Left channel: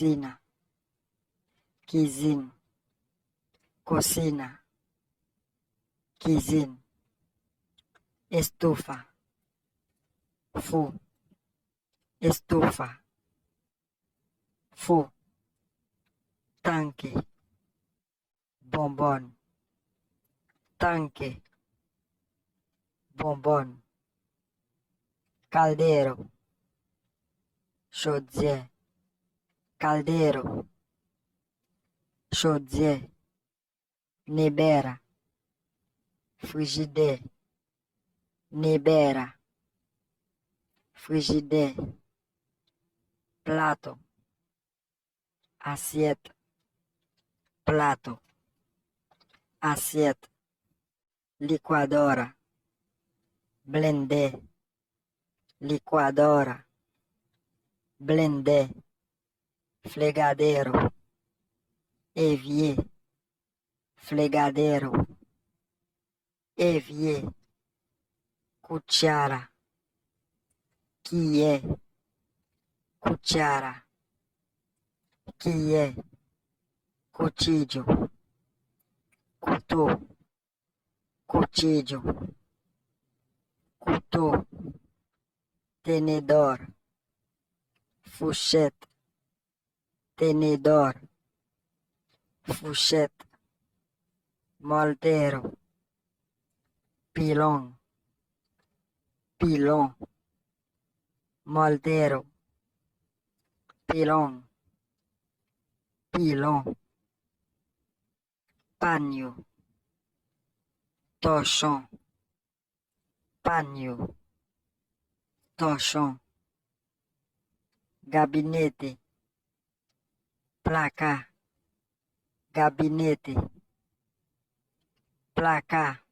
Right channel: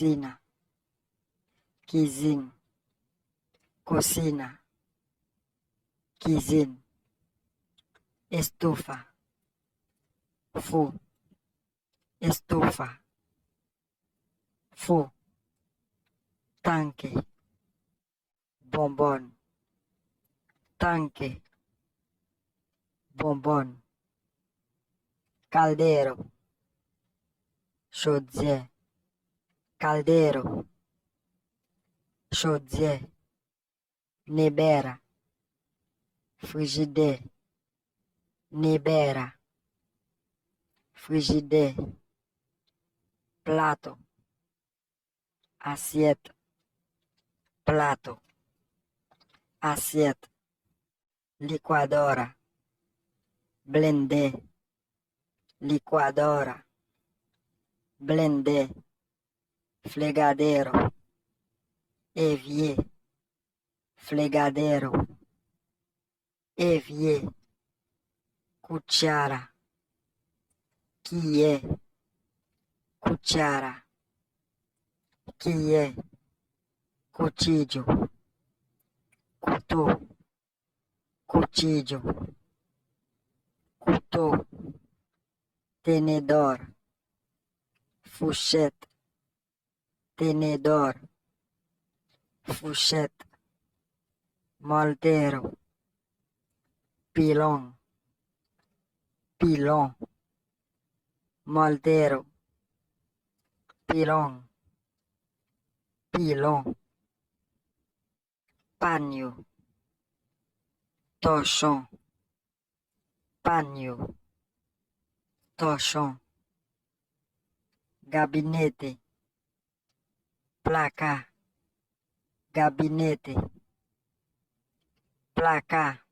cocina, cuisine, cocina, cuisine, estufa, four, estufa, four, tanque, bonbonne, tanque, bonbonne, caldero, chaudière, caldero, chaudière, nebera, frigidaire, nebera, frigidaire, plato, assiette, plato, assiette, liquadora, blender, liquadora, blender, fregadero, évier, fregadero, évier, cuchara, cuillère, cuchara, cuillère, cuchillo, couteau, cuchillo, couteau, tenedor, fourchette, tenedor, fourchette, moldero, pilon, pilon, moldero, pilon, pilon, paño, torchon, paño, torchon, gabinete, placa, gabinete, placa,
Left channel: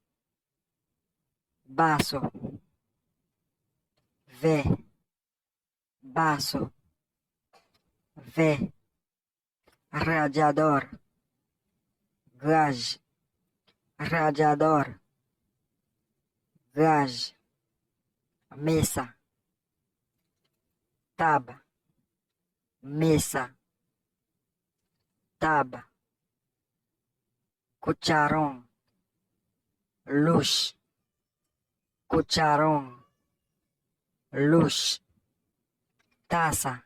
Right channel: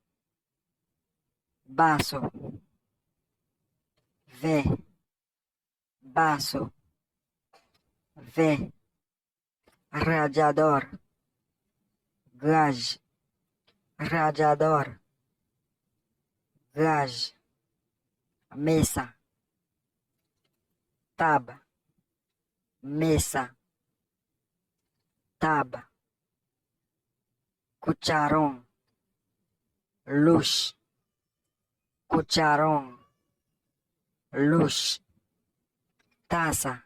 vaso, verre, vaso, verre, radiador, gaz, radiador, gaz, mesa, taba, mesa, taba, cucharón, luz, cucharón, luz, taza,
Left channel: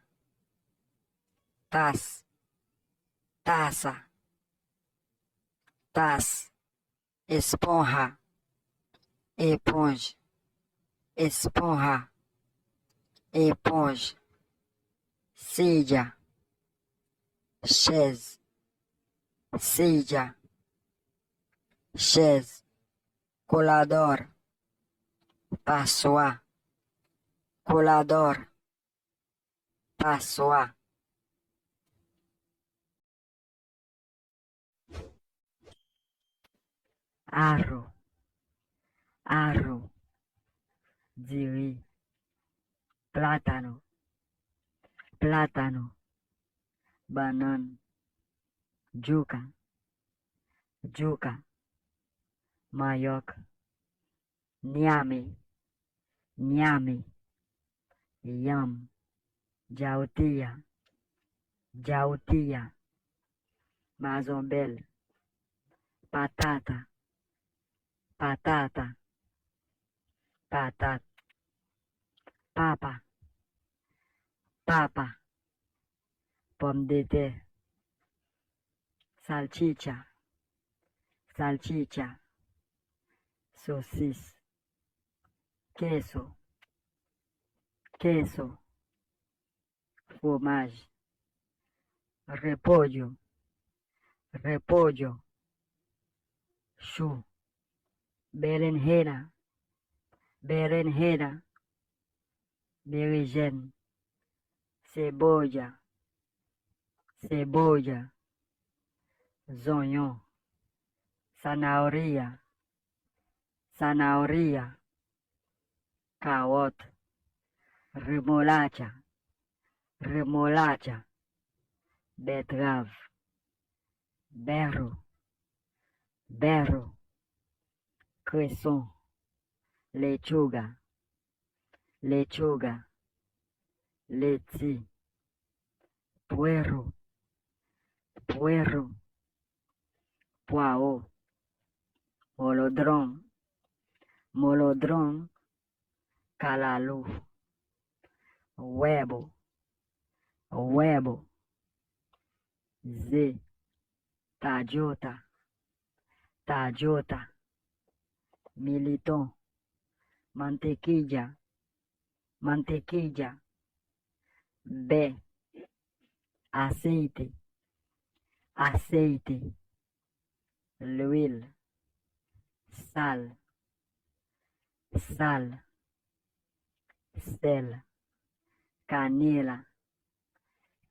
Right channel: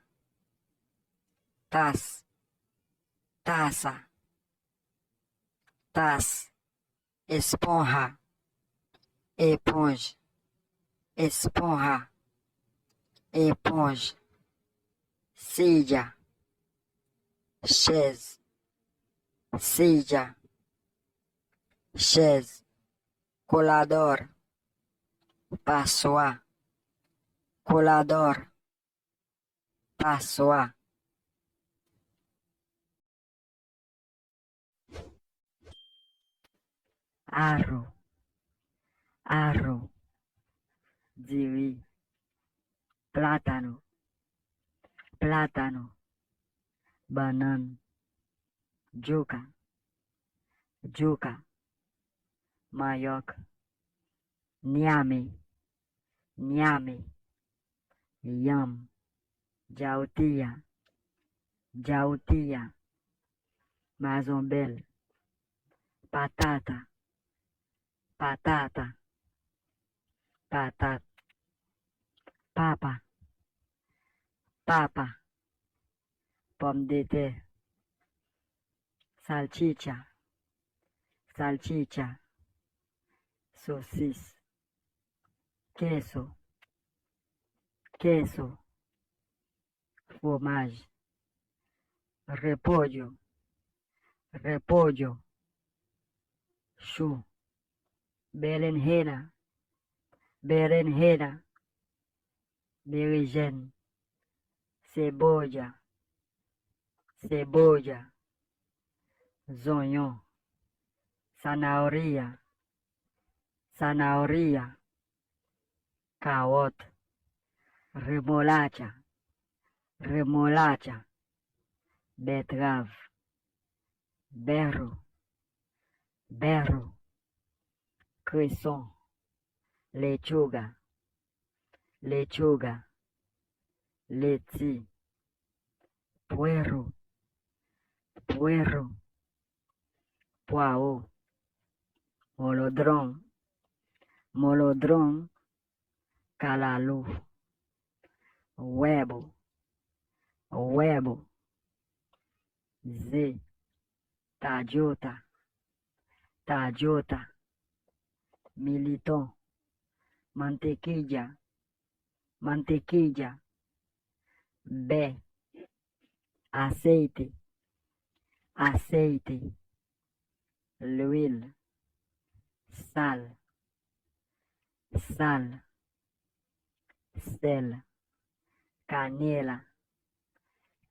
taça, taça, taça, esponja, esponja, esponja, esponja, silla, chaise, silla, chaise, colador, passoir, colador, passoir. Arro, arro, diri, plátano, plátano, banana, juca, juca, mandioca, niame, niame, yam, jautía, jautía, mazombel, patata, patata, patata, papa, papa, pomme de terre, salchicha, salchicha, saucisse, queso, queso, fromage, repollo, repollo, chou, berenjena, berenjena, berinjela, cebolla, cebolla, zonhão, zanahoria, zanahoria, carota, remolacha, remolacha, beterraba, berro, berro, cresson, lechuga, lechuga, lettuce, puerro, puerro, poireau, molodrón, molodrón, calalú, huevo, huevo, z, tallota, tallota, militón, mantequilla, mantequilla, b, aceite, aceite, l'huile, sal, sal, sel, canela,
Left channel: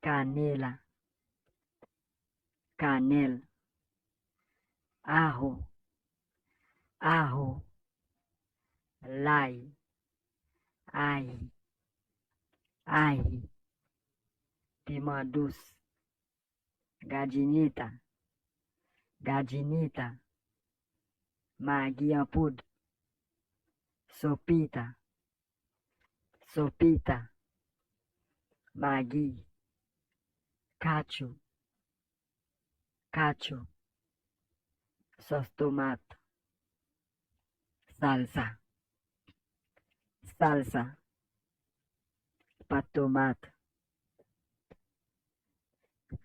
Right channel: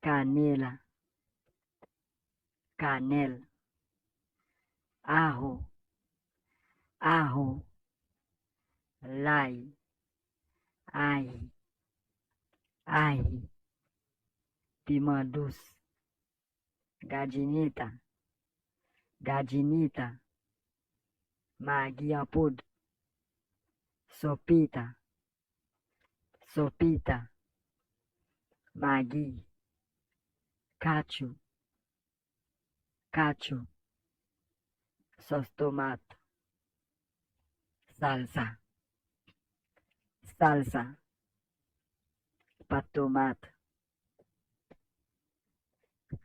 canela, canel, ajo, ajo, l'ail, ail, ail, piment douce, gadinita, gadinita, maggi en poudre, sopita, sopita, maggi, cacio, cacio, sauce tomate, salsa, salsa, pâte tomate,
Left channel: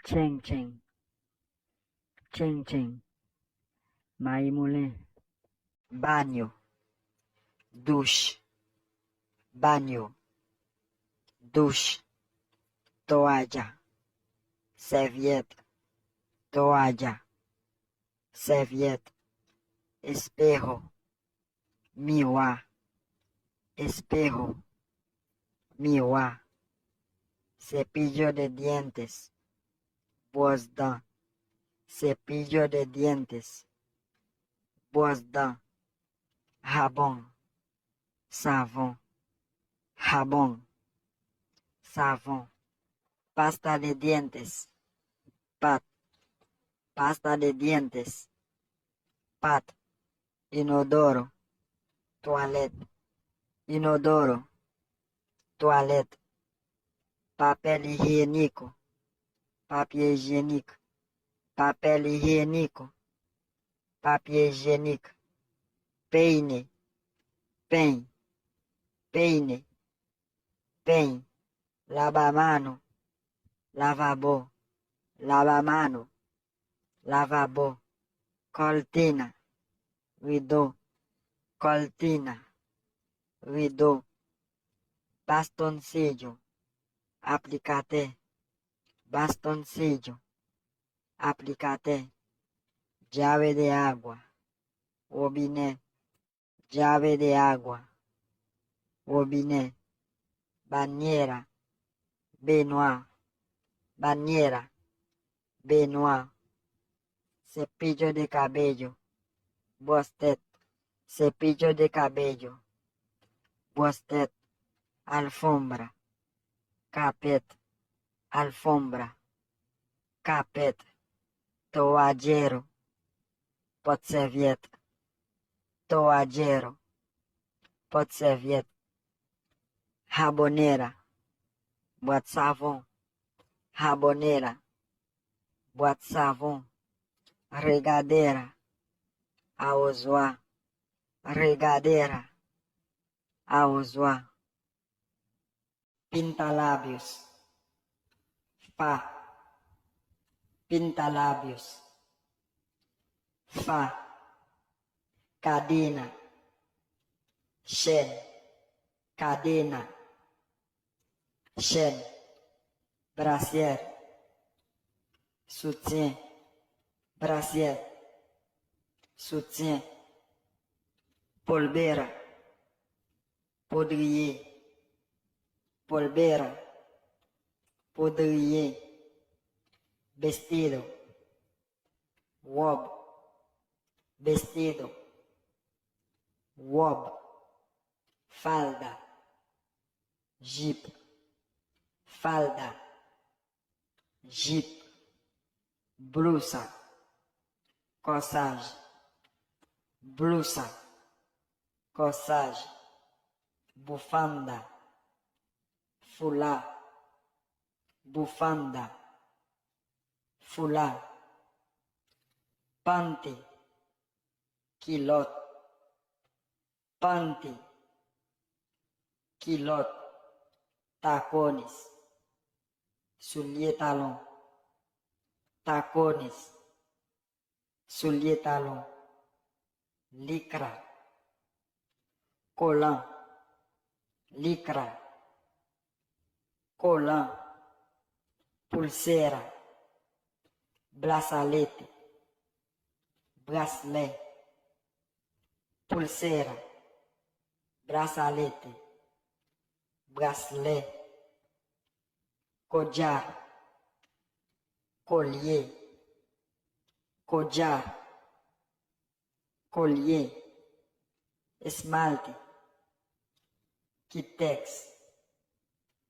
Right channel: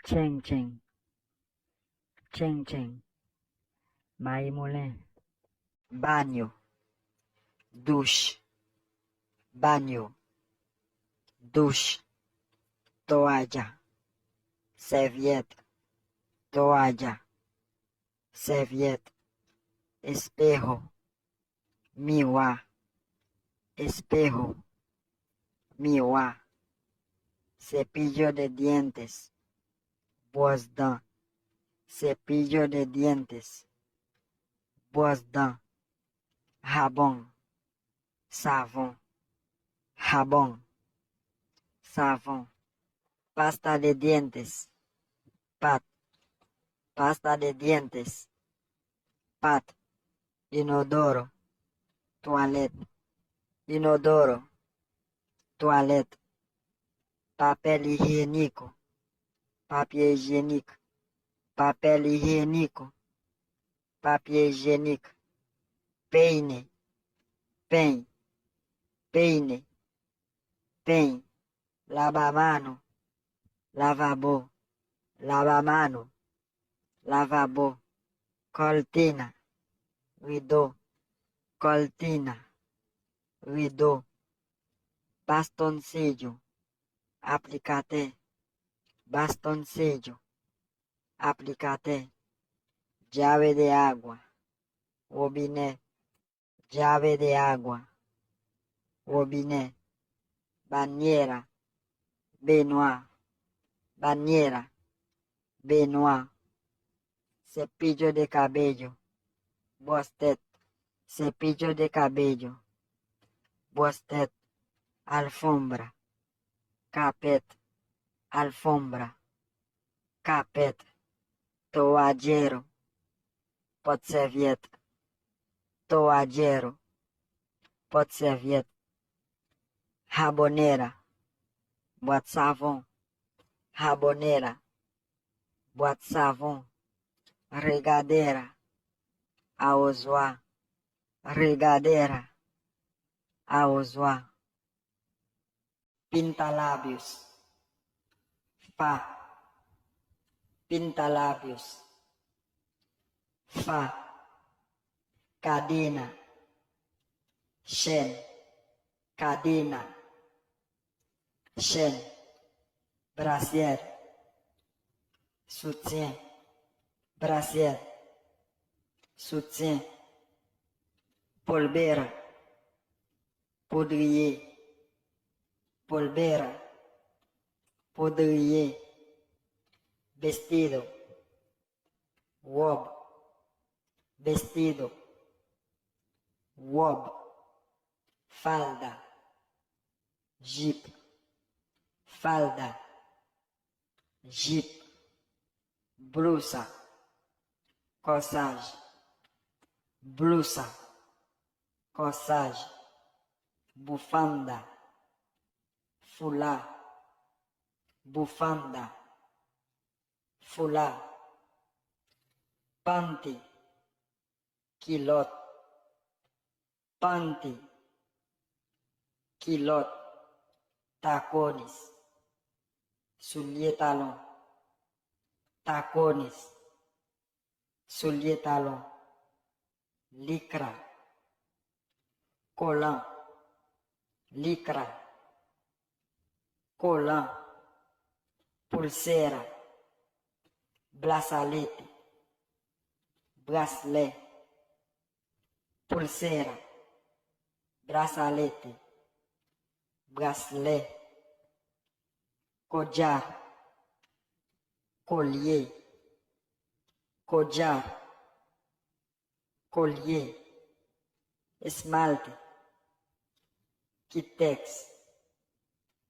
cheng cheng, cheng cheng, maïs moulin, bagno, douche, bagno, douche, toalla, serviette, toalla, serviette, espejo, miroir, espejo, miroir, cepillo de dientes, brosse dents, cepillo de dientes, brosse dents, jabón, savon, jabón, savon, pasta de dientes, pat, pasta de dientes, pat, inodoro, toilette, inodoro, toilette, papel higiénico, papier hygiénique, papel higiénico, papier hygiénique, peine, peine, peine, peine, lavamano, lavabo, lavamano, lavabo, cortina, rideau, cortina, rideau, bastoncillo, aplicate, bastoncillo, aplicate, llave de agua, robinet, llave de agua, robinet, bañera, baignoire, bañera, baignoire, cepillo de cabello, brosse-tête, cepillo de cabello, brosse-tête, alfombra, carpet, alfombra, carpet, toallero, porte-serviette, toallero, porte-serviette, jabonera, boîte savon, jabonera, boîte savon, regadera, arrosoir, regadera, arrosoir, pintalabios, fa, pintalabios, fa, cadena, chaîne, cadena, chaîne, brassière, soutien, brassière, soutien, polbera, poudrier, polbera, poudrier, vestido, robe, vestido, robe, falda, jupe, falda, jupe, blusa, corsage, blusa, corsage, bufanda, foulard, bufanda, foulard, panty, culotte, panty, culotte, tacones, souliers talons, tacones, souliers talons, lycra, collant, lycra, collant, pulsera, bracelete, bracelet, pulsera, bracelete, bracelet, collar, collier, collar, collier, esmalte, Kitex,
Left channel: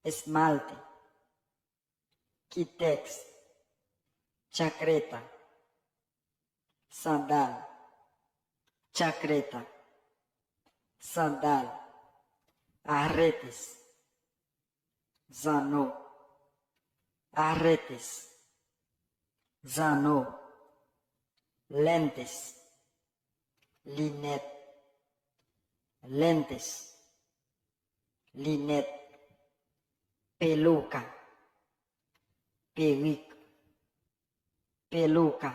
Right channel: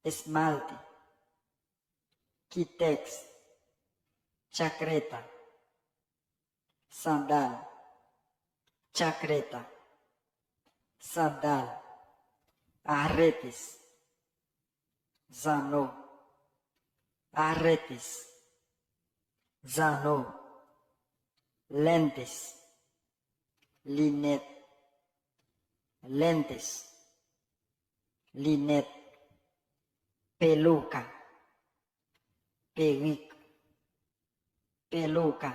esmalte, Kitex, chakreta, sandal, chakreta, sandal, arretes, zano, arretes, zano, lentes, linette, lentes, linette, peluca, perruque, peluca,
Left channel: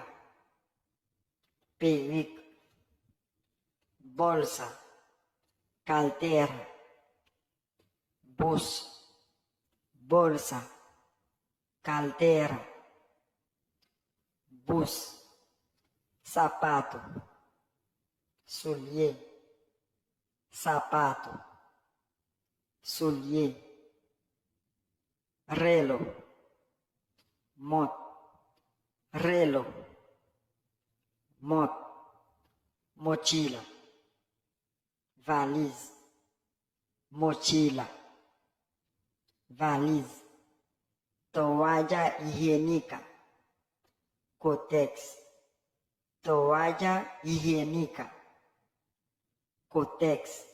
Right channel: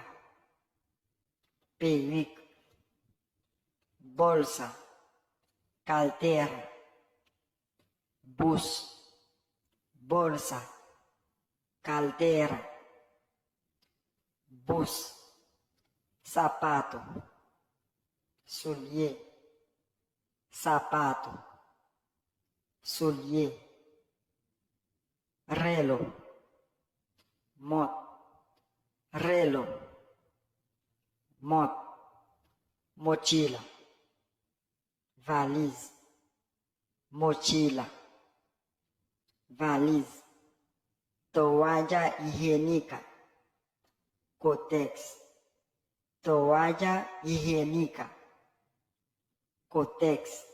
perruque, bolsa, carteira, bus, bolsa, carteira, bus, sapato, soulier, sapato, soulier, reloj, reloj, mochila, valise, mochila, valise, toalla higiénica, Kotex, toalla higiénica, Kotex.